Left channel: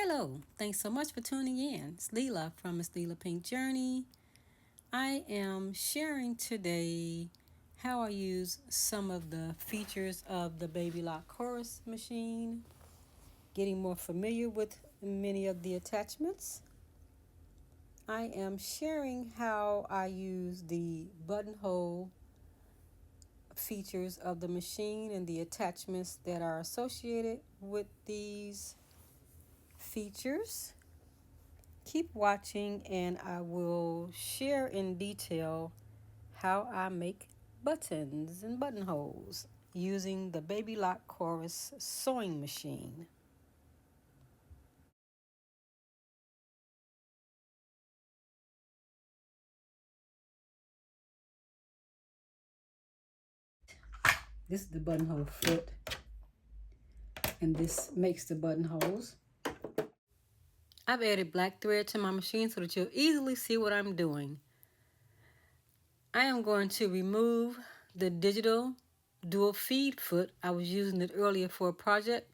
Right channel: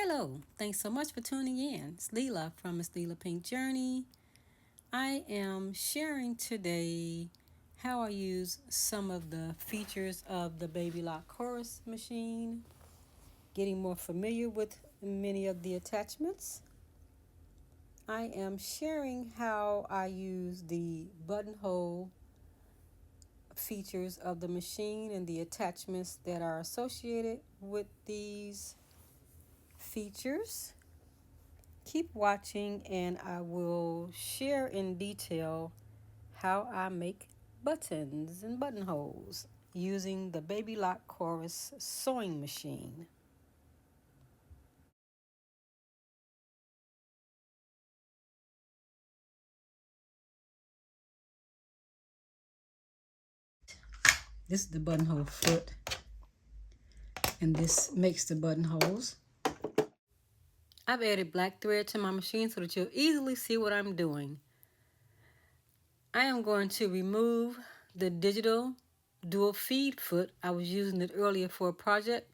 Hello, thanks so much for tuning in. It's Leela from Miss Leela Pink Journey. I am sharing today how I use some of the features of the Baby Lock Chorus machine, getting more familiar with many of the attachments. I am sharing how I use the buttonhole features of the machine and the attachments that are associated with these features. Keep watching and I will share in detail how I make buttons and buttonholes using the Baby Lock Chorus sewing machine. This is the buttonhole foot and this makes the buttonholes. I've added black thread to my machine so that you'll easily see what I'm doing. I am going to remove the digital dual feed foot. I was using it earlier for a project.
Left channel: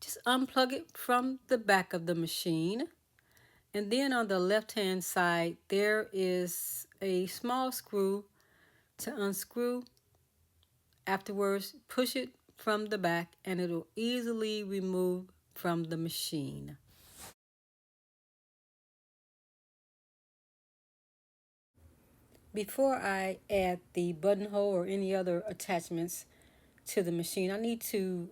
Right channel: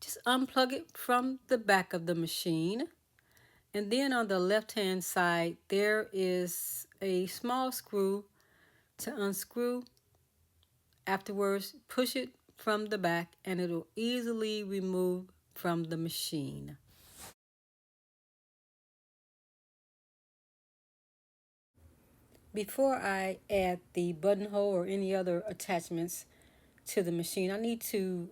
Just unplug it from the back of the machine. And then on the left hand side, there is a small screw to unscrew. Afterwards, push it from the back and it'll easily remove from the machine. Before I add the buttonhole or any other attachments to the machine, I need to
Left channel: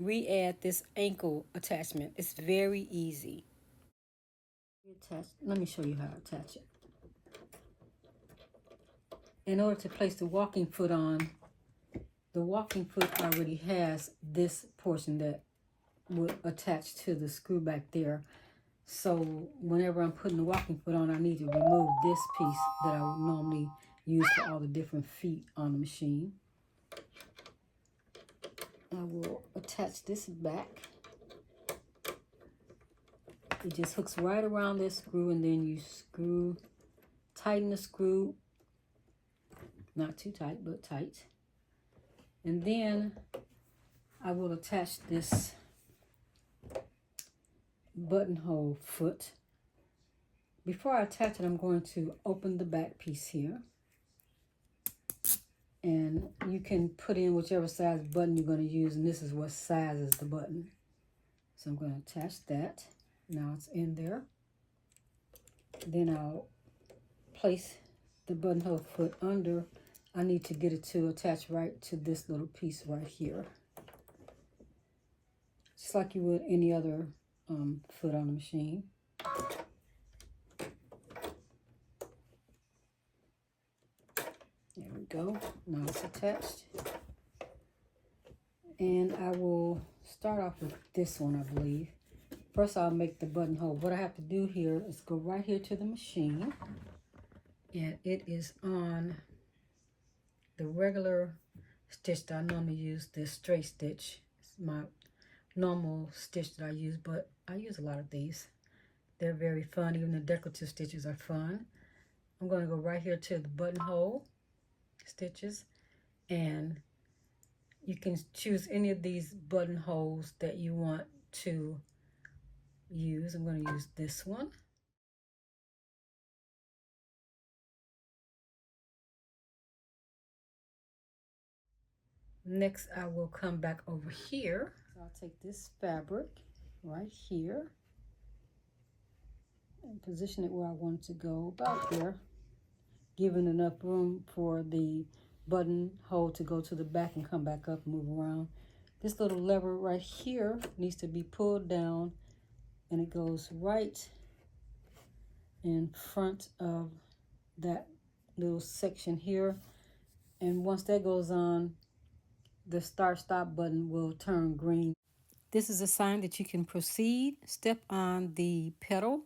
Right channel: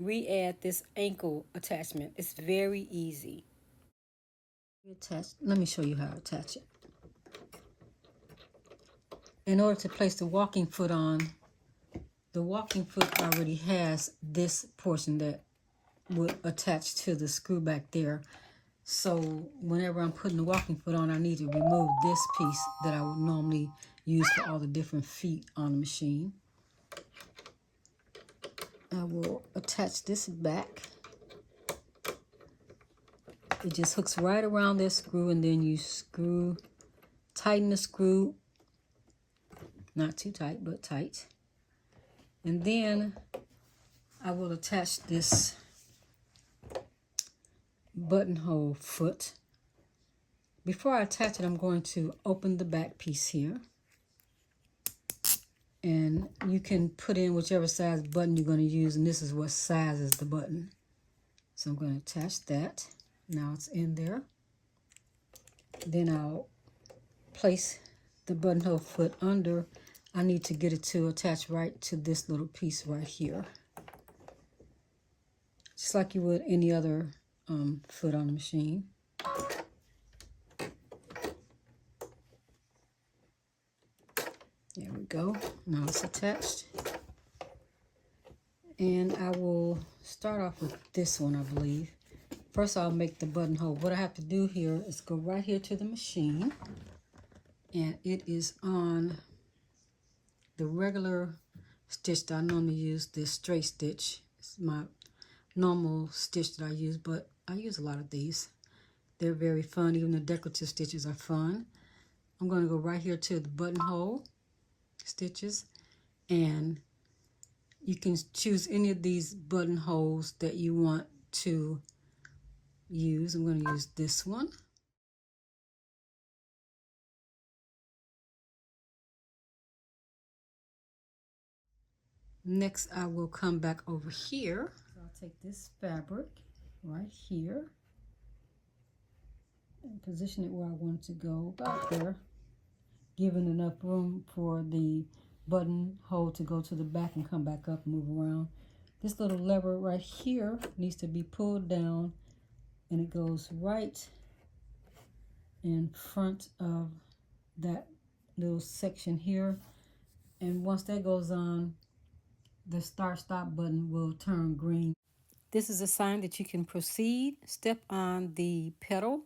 re-add this ankle attachment. It's very easy. Let me show you how to attach it. In order to place the walking foot on, the walking foot already has this portion that would attach to the screw back there. So whenever I'm putting the walking foot on, I need to remove this piece that I would normally use for all the different feet on the machine. I will attach this back. It just hooks right around this screw, and then you tighten the screw, not too tight, but tight. And then I will attach this buttonhole foot. Before I attach it, I'm going to open the back piece here. And you can put in whichever size button you're going to use, and this is what size is the button. So I'm going to attach that. Now it's in there. Then I'll place the buttonhole foot under. I need to get it to attach right to this little piece right here. Just like you would any other foot on the machine. There we go. Now it's attached. And I will start off with this one, I believe. First, I'll make the buttonhole. What I have to do here is go right here to the machine. And it is on the regular stitch that I normally use, this straight stitch. It's my normal stitch that I use, but I use a lot of these. They're very fun. Even the decorative stitches are fun. I'm going to go right here to the buttonhole stitches, and you can choose any of these buttonholes that you want to use. I'm going to use this one. Next, I will come back over here. So I'll take this fabric right here and position it where I want it to go, about there, giving enough room for the buttonhole to go to the back and come back up and move around. This little lever right here needs to be pulled down, and it goes right in front of that little section here. And once that goes on, the start stop button will turn green. This is a sign that you can proceed. Step on the pedal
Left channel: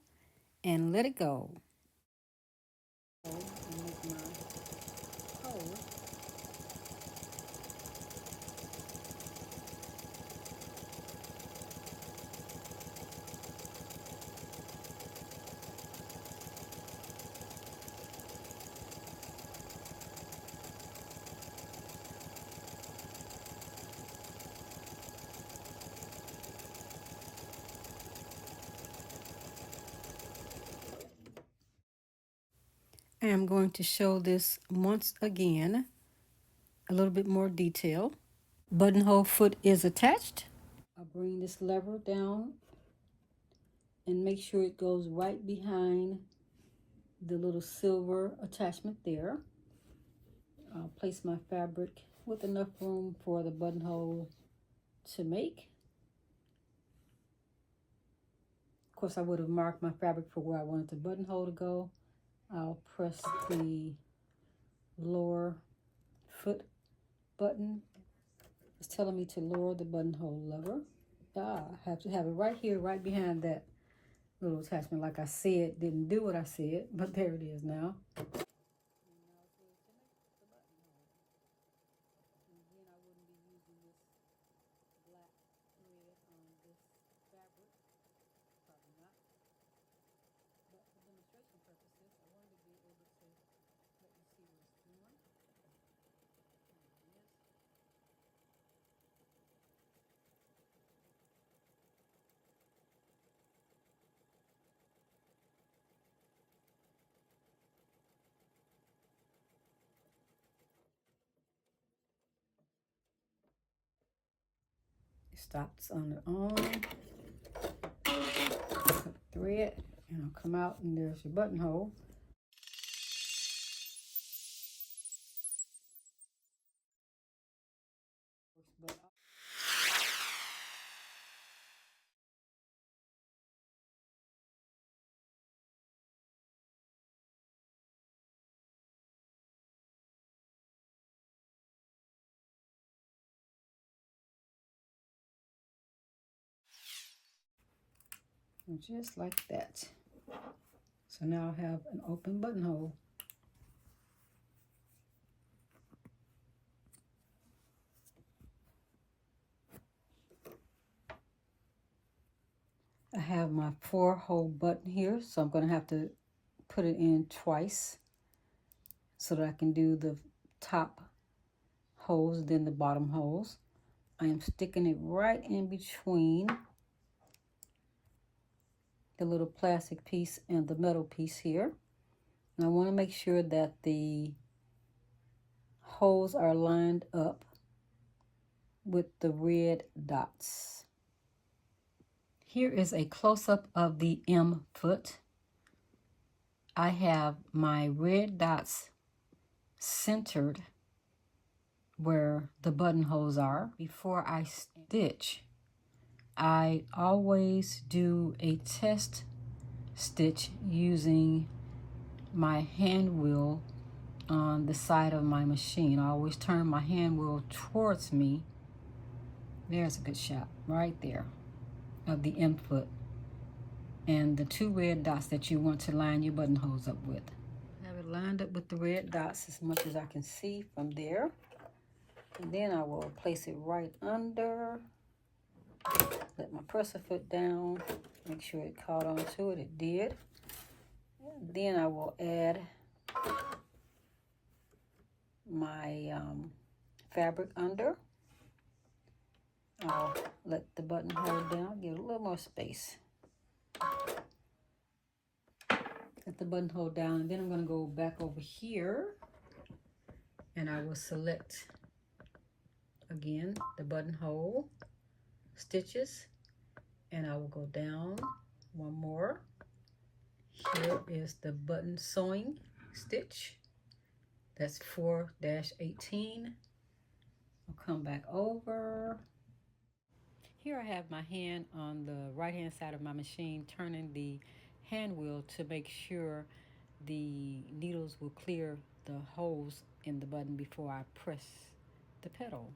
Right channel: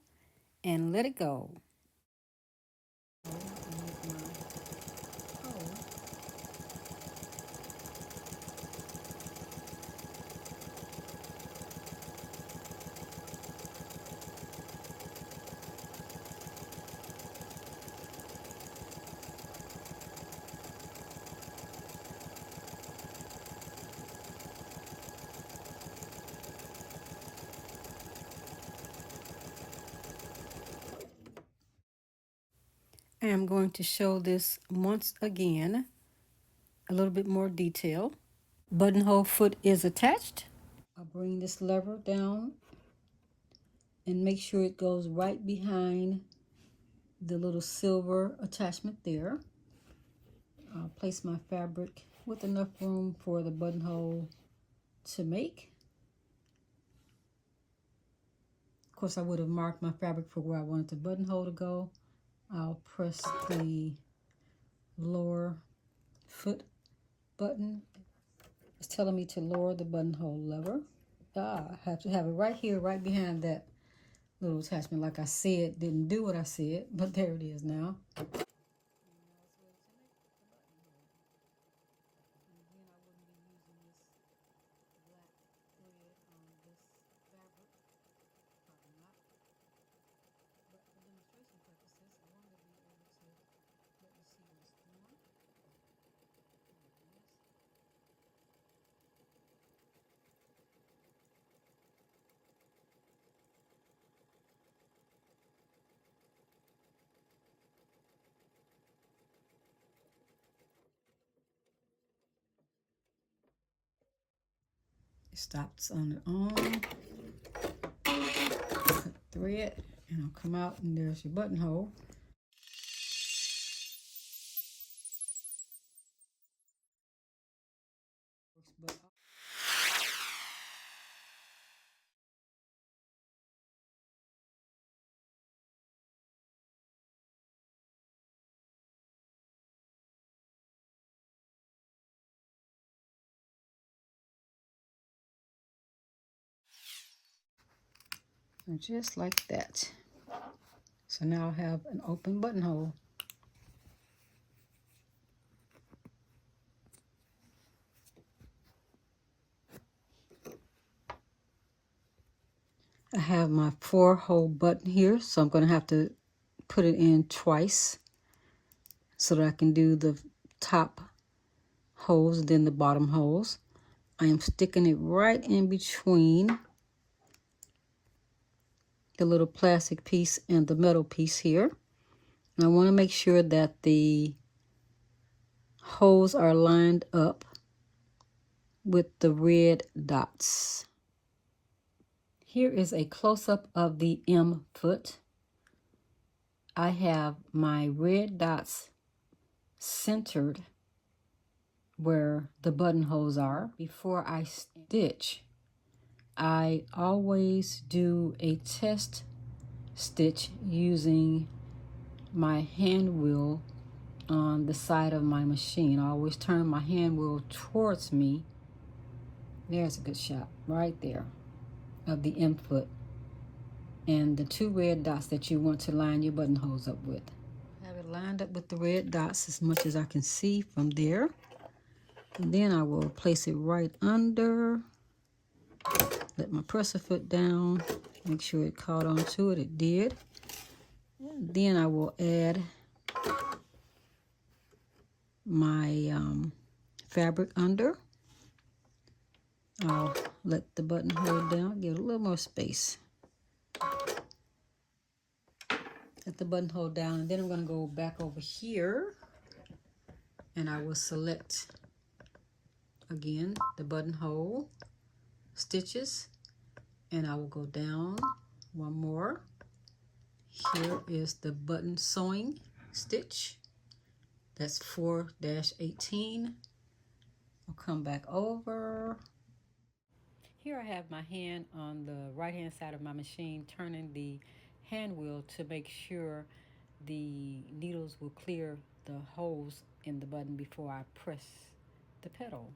and let it go. I am going to show this once again, a little bit more detail. Buttonhole foot is attached. I'll bring this lever down and make sure it goes right behind the little silver attachment there. I'll place my fabric with enough room for the buttonhole to make. Of course, I would have marked my fabric for where I wanted the buttonhole to go. I'll press the lower foot button. It's telling me to lower the buttonhole lever. I have to have it right here, right behind that little attachment. Like I said, didn't do what I said, but there it is now. It stops on its own. Cut thread, and I'll come out, and there's your buttonhole. And just like that. So now I have an open buttonhole. I have my 4-hole button here, so I'm going to have to put it in twice so that I can do the top holes, then the bottom holes. I am sticking it right in between the little plastic piece and the metal piece here. And I want to make sure that the holes are lined up with the red dots. Here is a close-up of the M foot. I have my red dots centered where the buttonholes are. Before I stitch, I always do a test stitch using my hand wheel on the side of my machine. I always turn my hand wheel towards me. There's a good shot right there of the M foot and the 2 red dots that you want to line your buttonholes up with. Have it lined up with the red dots as much as I can see from there. And then I will place it right under. Let my presser foot down. Make sure it caught onto it. It did. Then I will add my fabric under. I'll let the buttonhole down, give it a little more space. Let the buttonhole down, and then I'm going to go back over here, and I will select again the buttonhole stitches, and I will go down one more. Here is the button sewing stitch. That's 4-18. I'll come back over. Here I have my hand on the right hand side of my machine, turning the hand wheel to make sure the needles will clear the holes in the button before I press the pedal.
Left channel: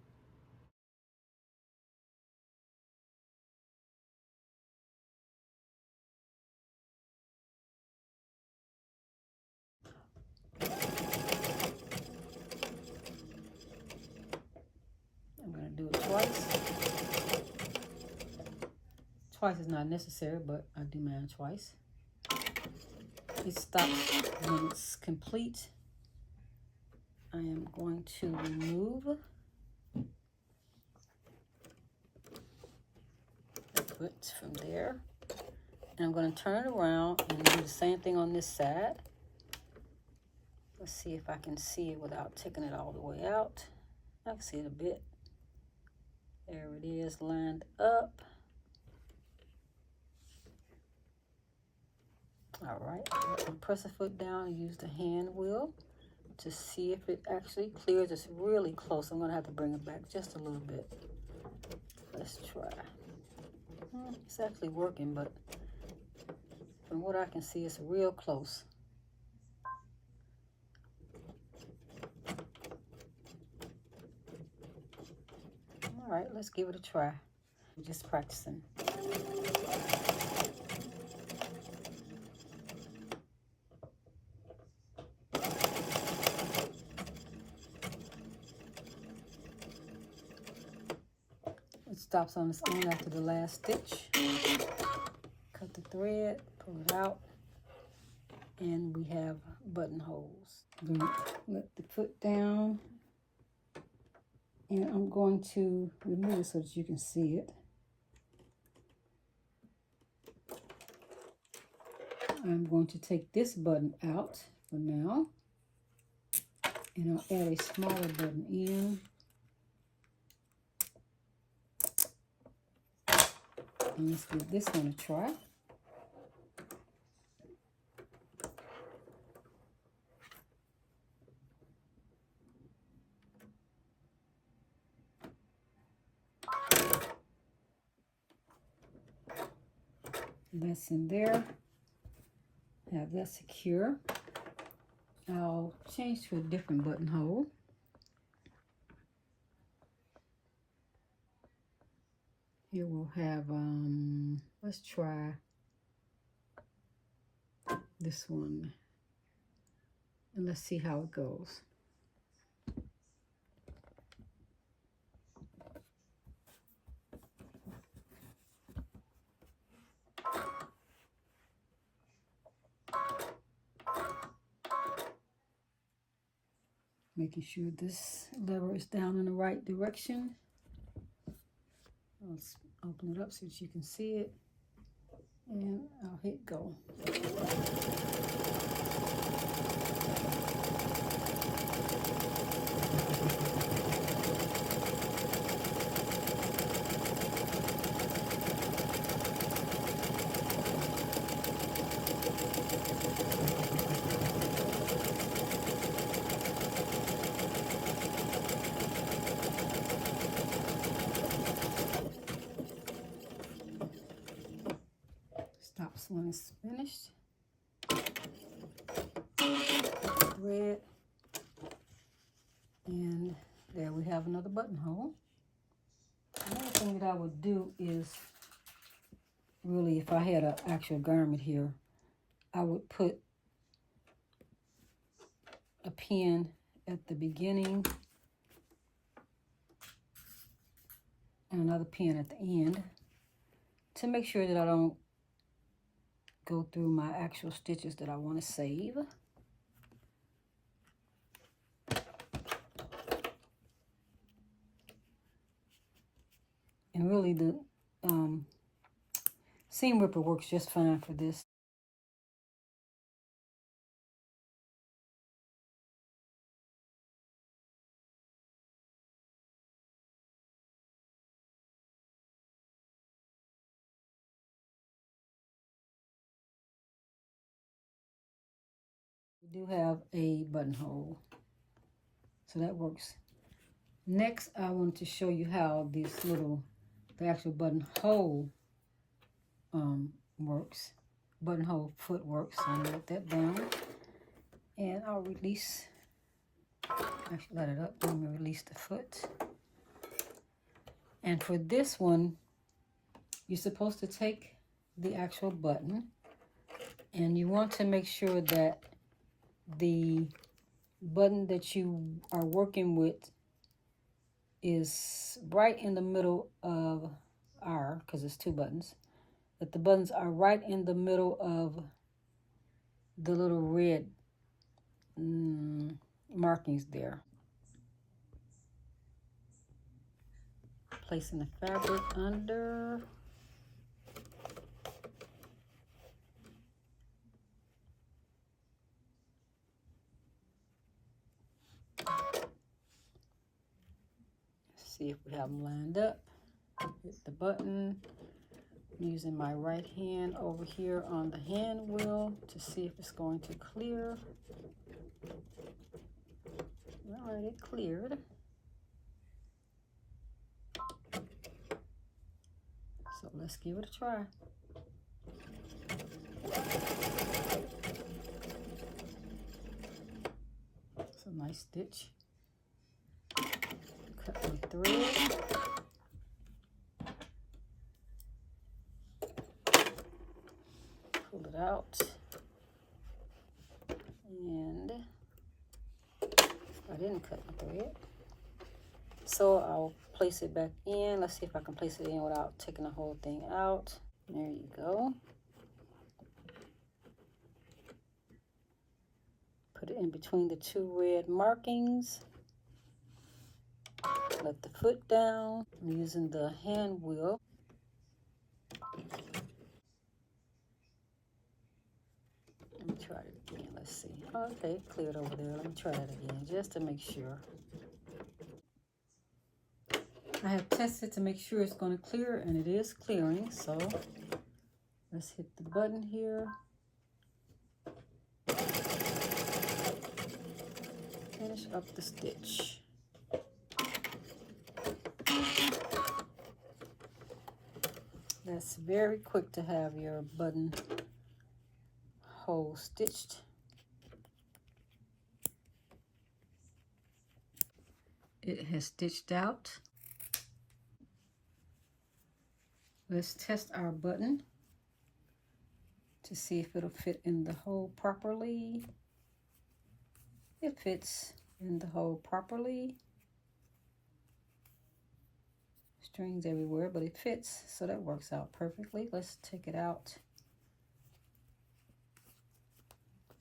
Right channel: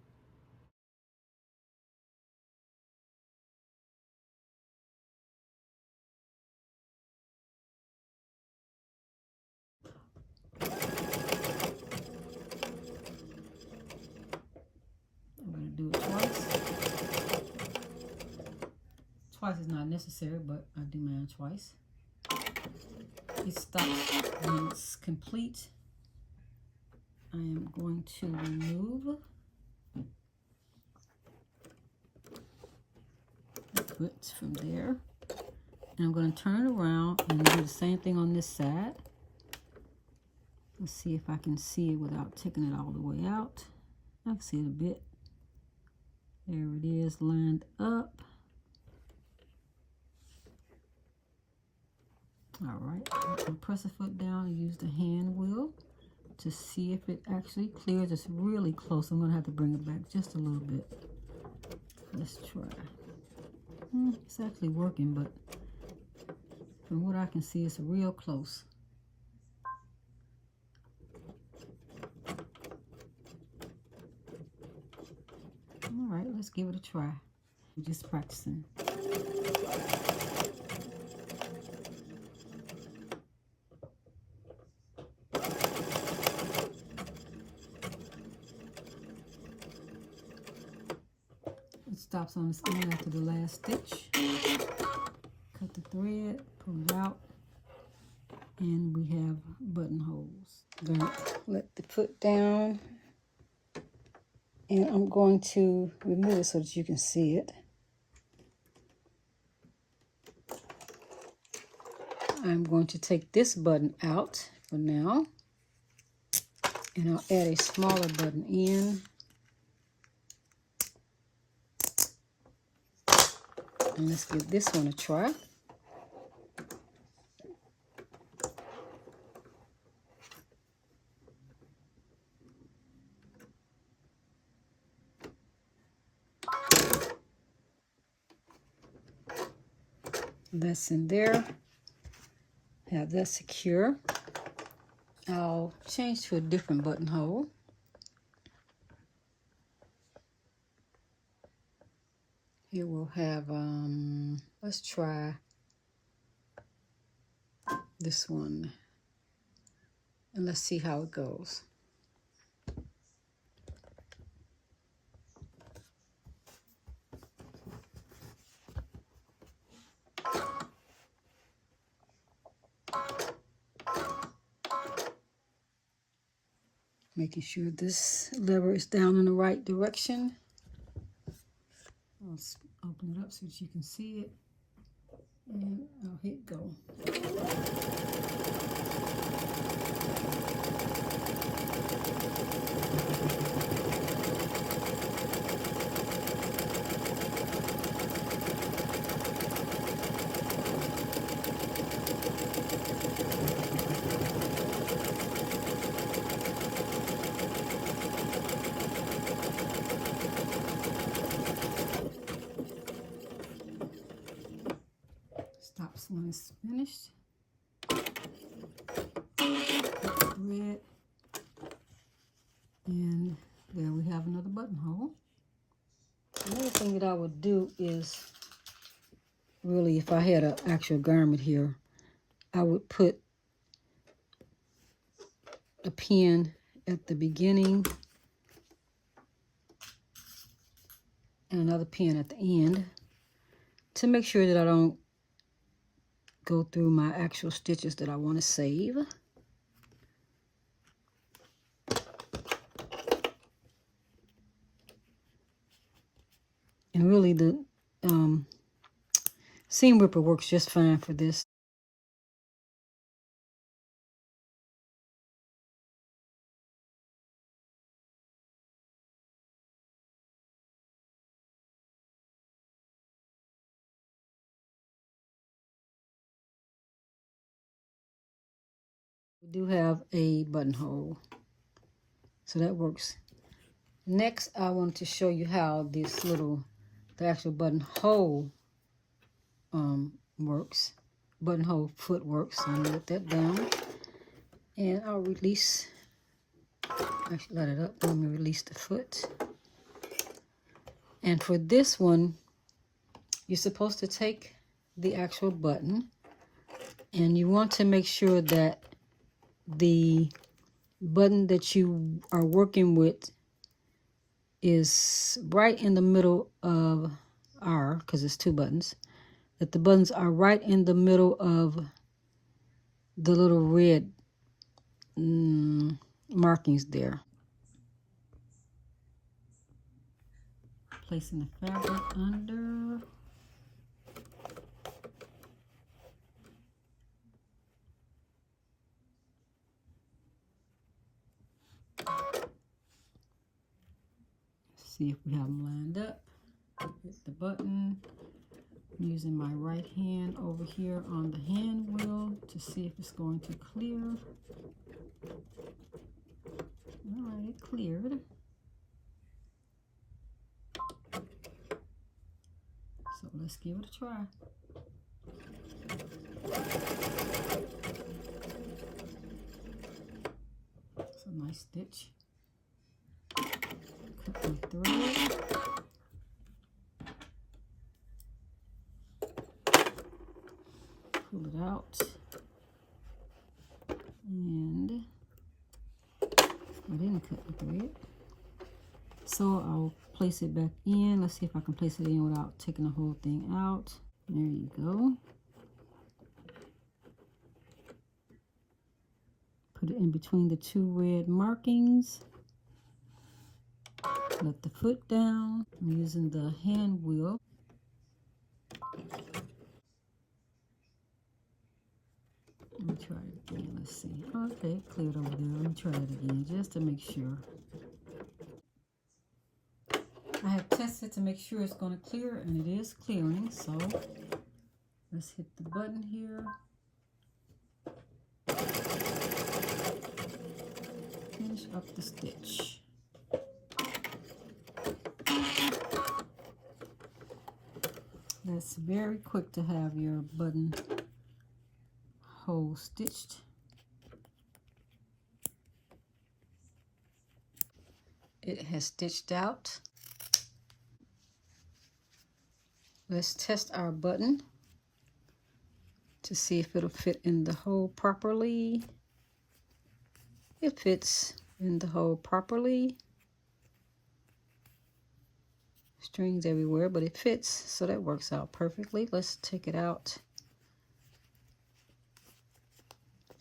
I'm going to do it twice. Twice is not necessary, but I do mine twice. It stops when it's complete. I am going to remove the foot from there. And I'm going to turn it around and do the same thing on this side. Let's see if I can see it without taking it all the way out. I can see it a bit. There it is, lined up. All right, I can press a foot down and use the hand wheel to see if it actually clears. It's really close. I'm gonna have to bring it back just a little bit. Let's try. It's actually working, but from what I can see, it's real close. All right, let's give it a try. We're just practicing. It stops on its own after the last stitch. Cut the thread, pull it out, and we have buttonholes. I'm going to let the foot down, and I'm going to remove it so that you can see it. I'm going to take this button out for now, and I'll add a smaller button in. And let's give this one a try. That's in there. Have that secure. I'll change to a different buttonhole. Here we'll have, let's try this one. And let's see how it goes. Making sure this lever is down in the right direction. Let's open it up so that you can see it. And I'll hit go. Stops when it's finished. Thread. And there we have another buttonhole. Another thing that I would do is, really, if I had an actual garment here, I would put a pin at the beginning and another pin at the end to make sure that I don't go through my actual stitches that I want to save. And really the seam ripper works just fine for this. We do have a buttonhole, so that works. Next, I want to show you how this the actual buttonhole works. Buttonhole foot works. So I'm gonna let that down, and I'll release. Actually, let it up. Let me release the foot. And for this one, you're supposed to take the actual button, and you want to make sure that the button that you are working with is right in the middle of because it's two buttons, that the buttons are right in the middle of the little red markings there. Placing the fabric under. See if we have them lined up. Hit the button. I'm using my right hand over here on the hand wheel to see if it's going to clear. All right, it cleared. So let's give it a try. It's a nice stitch. Cut my thread. Pull it out. And I didn't cut the thread. So I'll place it back in. Let's see if I can place it in without taking the whole thing out. There you go. Put it in between the two red markings. Let the foot down. I'm using the hand wheel. Let me try it again. Let's see. Okay, cleared over there. Let me try it again just to make sure. I have tested to make sure it's going to clear, and it is clearing. So let's hit the button here. Finish up the stitch. That's very quick to have your button hole stitched. It has stitched out. Let's test our button to see if it'll fit in the hole properly. It fits in the hole properly. Strings everywhere, but it fits, so that works out perfectly. Let's take it out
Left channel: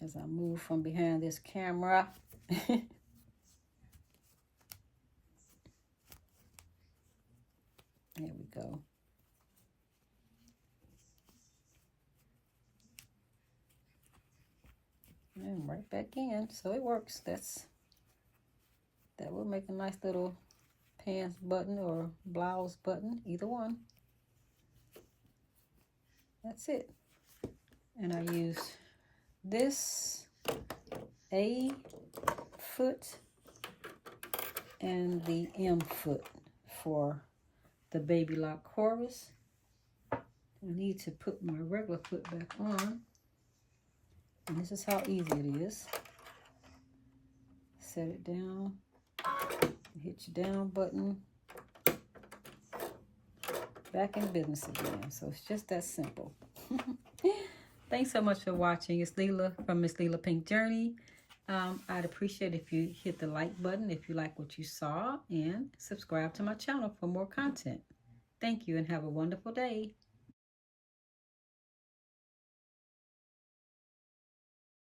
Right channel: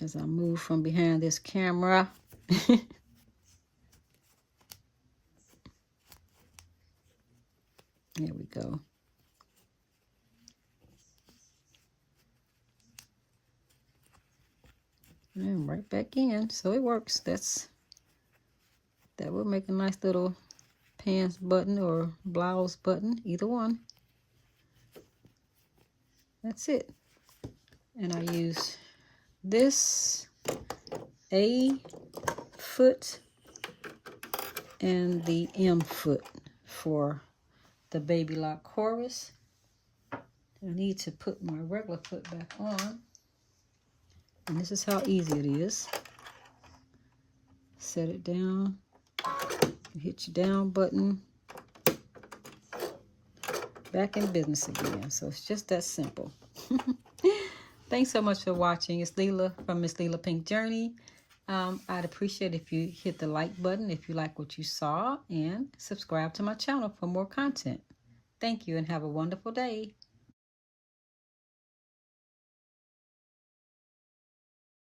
as I move from behind this camera. There we go. And right back in, so it works. That will make a nice little pants button or blouse button, either one. That's it. And I use this A foot and the M foot for the baby lock chorus. I need to put my regular foot back on. And this is how easy it is. Set it down. Hit your down button. Back in business again. So it's just that simple. Thanks so much for watching. It's Leela from Miss Leela Pink Journey. I'd appreciate if you hit the like button if you like what you saw, and subscribe to my channel for more content. Thank you and have a wonderful day.